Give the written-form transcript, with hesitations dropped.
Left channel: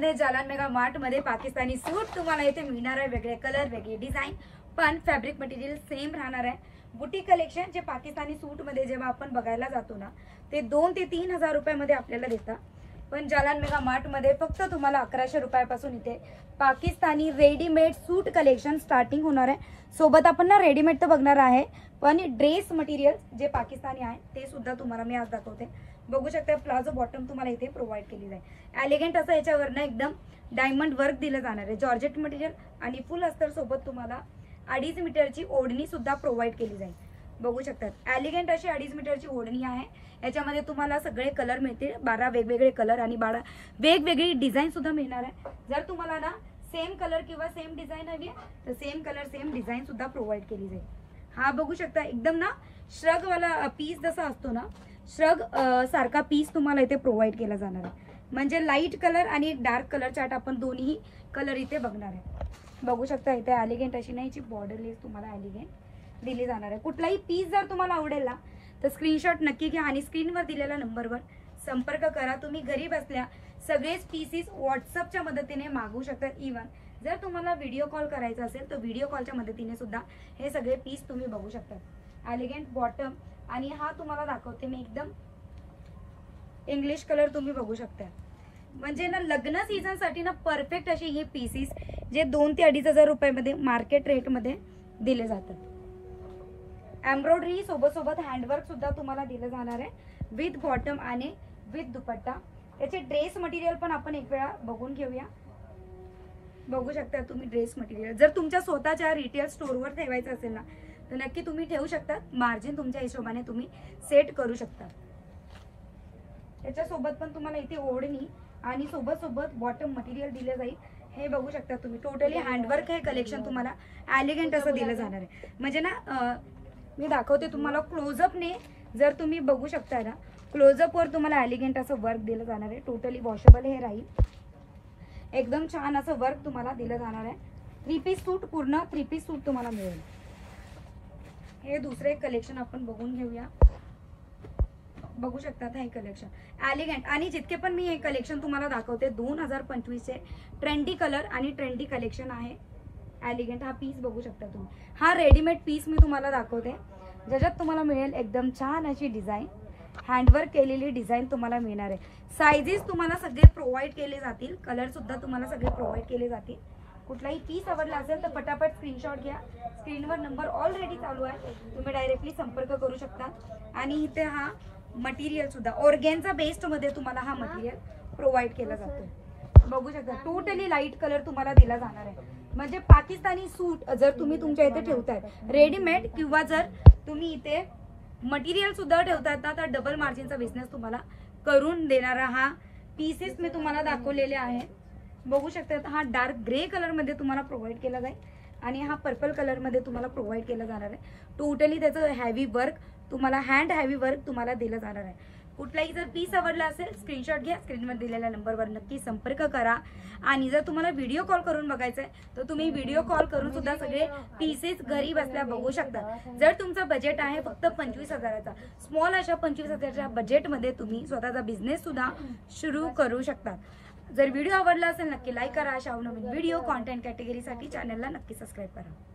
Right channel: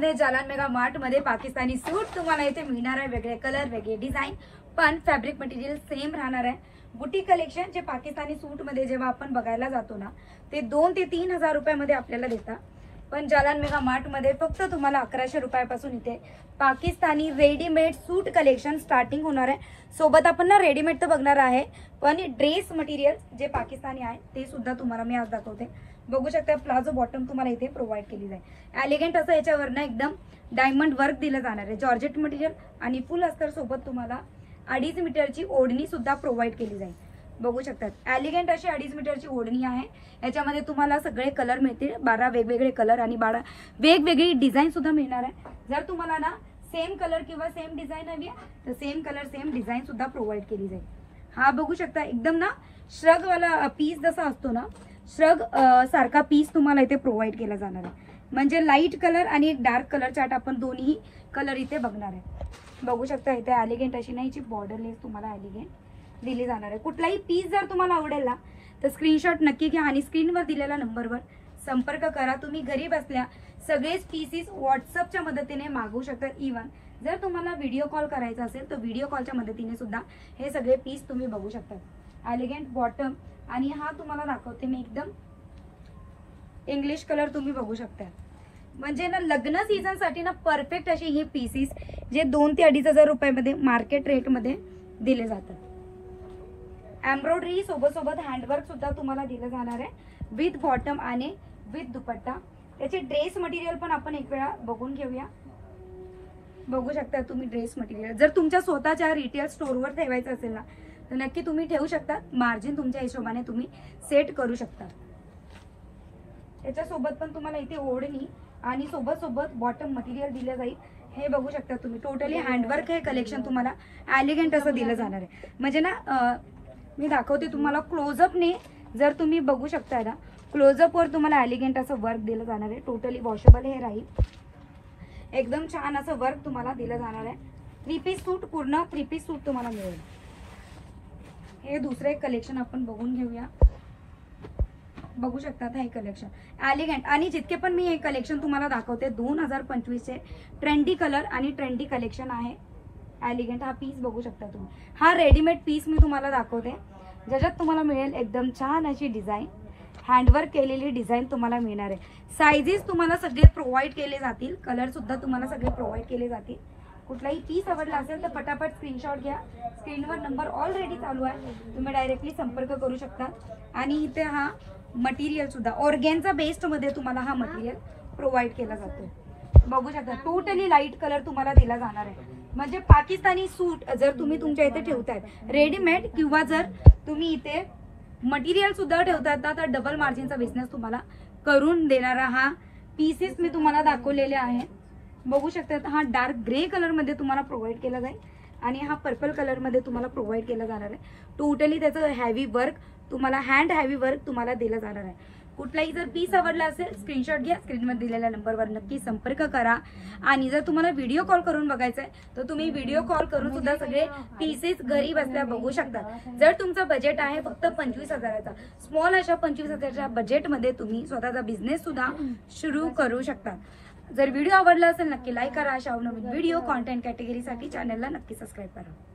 मध्ये Jalan mega mart मध्ये पाकिस्तानी सूट तुम्हाला इथे मिळणार आहे। वेगळे कलर, वेगळे डिझाइन, पण फॅब्रिक मटेरियल सेम राहणार आहे। बुटीक कलेक्शन जे पाकिस्तानी सूट मध्ये जेव्हा आपण बघायला जातो ना, ते 2 ते 3 हजार रुपयामध्ये आपल्याला देतात, पण जालान मेगा मार्ट मध्ये फक्त तुम्हाला 1100 रुपयापासून इथे पाकिस्तानी रेडीमेड सूट कलेक्शन स्टार्टिंग होणार आहे। सोबत आपण ना रेडीमेड तर बघणार आहे, पण ड्रेस मटेरियल जे पाकिस्तानी आहे ते सुद्धा तुम्हाला मी आज दाखवते। बघू शकता प्लाझो बॉटम तुम्हाला इथे प्रोव्हाइड केली जाईल। एलिगंट असं याच्यावर ना एकदम डायमंड वर्क दिलं जाणार आहे। जॉर्जेट मटेरियल आणि फुल अस्तर सोबत तुम्हाला 2.5 मीटरची ओढणी सुद्धा प्रोव्हाइड केली जाईल। बघू शकतात एलिगंट अशी 2.5 मीटरची ओढणी आहे। याच्यामध्ये तुम्हाला सगळे कलर मिळतील, 12 वेगवेगळे कलर आणि 12 वेगवेगळी डिझाइन सुद्धा मिळणार आहे। जर तुम्हाला ना सेम कलर किंवा सेम डिझाइन हवी आहे तर सेम कलर सेम डिझाइन सुद्धा प्रोव्हाइड केली जाईल। हा बघू शकता एकदम ना श्रग वाला पीस जसा असतो ना, श्रग सारखा पीस तुम्हाला इथे प्रोव्हाइड केला जाणार आहे। म्हणजे लाईट कलर आणि एक डार्क कलर चार्ट आपण दोन्ही कलर इथे बघणार आहे। बघू शकता इथे एलिगंट अशी नाही जी बॉर्डर लेस तुम्हाला एलिगंट दिली जाणार आहे। कुठलाही पीस जर तुम्हाला आवडेल ना तर स्क्रीनशॉट नक्की घ्या आणि स्क्रीनवर दिलेल्या नंबरवर संपर्क करा। तुम्ही घरी बसल्या सगळेच पीसेस व्हॉट्सअपच्या मदतीने मागवू शकता। इव्हन जर तुम्हाला व्हिडिओ कॉल करायचा असेल तर व्हिडिओ कॉलच्या मदतीने सुद्धा हे सगळे पीस तुम्ही बघू शकता। एलिगंट बॉटम आणि हा तुम्हाला दाखवते मी एकदम इंग्लिश कलर तुम्ही बघू शकता। म्हणजे ना लग्न सीझन साठी ना परफेक्ट असे हे पीसेस जे 2 ते 2.5 हजार रुपयामध्ये मार्केट रेट मध्ये दिले जातात। एम्ब्रॉयडरी सोबत सोबत हँडवर्क सुद्धा तुम्हाला दिलं जाणार आहे विथ बॉटम आणि विथ दुपट्टा। त्याचे ड्रेस मटेरियल पण आपण एक वेळा बघून घेऊया। बघू शकता तुम्ही ड्रेस मटेरियल जर तुमच्या स्वतःच्या रिटेल स्टोअरवर ठेवायचं असेल ना तर नक्की तुम्ही ठेवू शकता। मार्जिन तुमच्या हिशोबाने तुम्ही सेट करू शकता। त्याच्यासोबत पण तुम्हाला इथे ओढणी आणि सोबत सोबत बॉटम मटेरियल दिलं जाईल। हे बघू शकता तुम्ही टोटली हँडवर्क हे कलेक्शन तुम्हाला एलिगंट असं दिलं जाणार आहे। म्हणजे ना मी दाखवते तुम्हाला क्लोजअपने, जर तुम्ही बघू शकता ना क्लोजअप वर तुम्हाला एलिगंट असं वर्क दिलं जाणार आहे। टोटली वॉशेबल हे राहील, एकदम छान असं वर्क तुम्हाला दिलं जाणार आहे। 3 पीस सूट, पूर्ण 3 पीस सूट तुम्हाला मिळेल। हे दुसरे कलेक्शन आपण बघून घेऊया। बघू शकतात हे कलेक्शन एलिगंट आणि जितके पण मी हे कलेक्शन तुम्हाला दाखवते 2025 चे ट्रेंडी कलर आणि ट्रेंडी कलेक्शन आहे। एलिगंट हा पीस बघू शकता तुम्ही, हा रेडीमेड पीस मी तुम्हाला दाखवते ज्याच्यात तुम्हाला मिळेल एकदम छान अशी डिझाइन, हँडवर्क केलेली डिझाइन तुम्हाला मिळणार आहे। साइजेस तुम्हाला सगळे प्रोव्हाइड केले जातील, कलर सुद्धा तुम्हाला सगळे प्रोव्हाइड केले जातील। कुठलाही पीस आवडला असेल तर पटापट स्क्रीनशॉट घ्या। स्क्रीनवर नंबर ऑलरेडी चालू आहे, तुम्ही डायरेक्टली संपर्क करू शकता। आणि इथे हा मटेरियल सुद्धा ऑर्गेन्झा बेस्ड मध्ये तुम्हाला हा मटेरियल प्रोव्हाइड केला जातो। बघू शकता टोटली लाईट कलर तुम्हाला दिला जाणार आहे। म्हणजे पाकिस्तानी सूट जर तुम्ही तुमच्या इथे ठेवताय रेडीमेड किंवा जर तुम्ही इथे मटेरियल सुद्धा ठेवतात ना तर डबल मार्जिनचा बिझनेस तुम्हाला करून देणारा हा पीसेस मी तुम्हाला दाखवलेले आहे। बघू शकता हा डार्क ग्रे कलर मध्ये तुम्हाला प्रोव्हाइड केला जाईल आणि हा पर्पल कलर मध्ये तुम्हाला प्रोव्हाइड केला जाणार आहे। टोटली त्याचं हेवी वर्क तुम्हाला हँड हेवी वर्क तुम्हाला दिलं जाणार आहे। कुठलाही जर पीस आवडला असेल स्क्रीनशॉट घ्या, स्क्रीनवर दिलेल्या नंबरवर नक्की संपर्क करा। आणि जर तुम्हाला व्हिडिओ कॉल करून बघायचं आहे तर तुम्ही व्हिडिओ कॉल करून सुद्धा सगळे पीसेस घरी बसल्या बघू शकता। जर तुमचा बजेट आहे फक्त 25 हजाराचा, स्मॉल अशा 25 हजाराच्या बजेटमध्ये तुम्ही स्वतःचा बिझनेस सुद्धा सुरू करू शकता। जर व्हिडिओ आवडला असेल नक्की लाईक करा। अशा नवीन व्हिडिओ कॉन्टेंट कॅटेगरीसाठी चॅनलला नक्की सबस्क्राईब करा।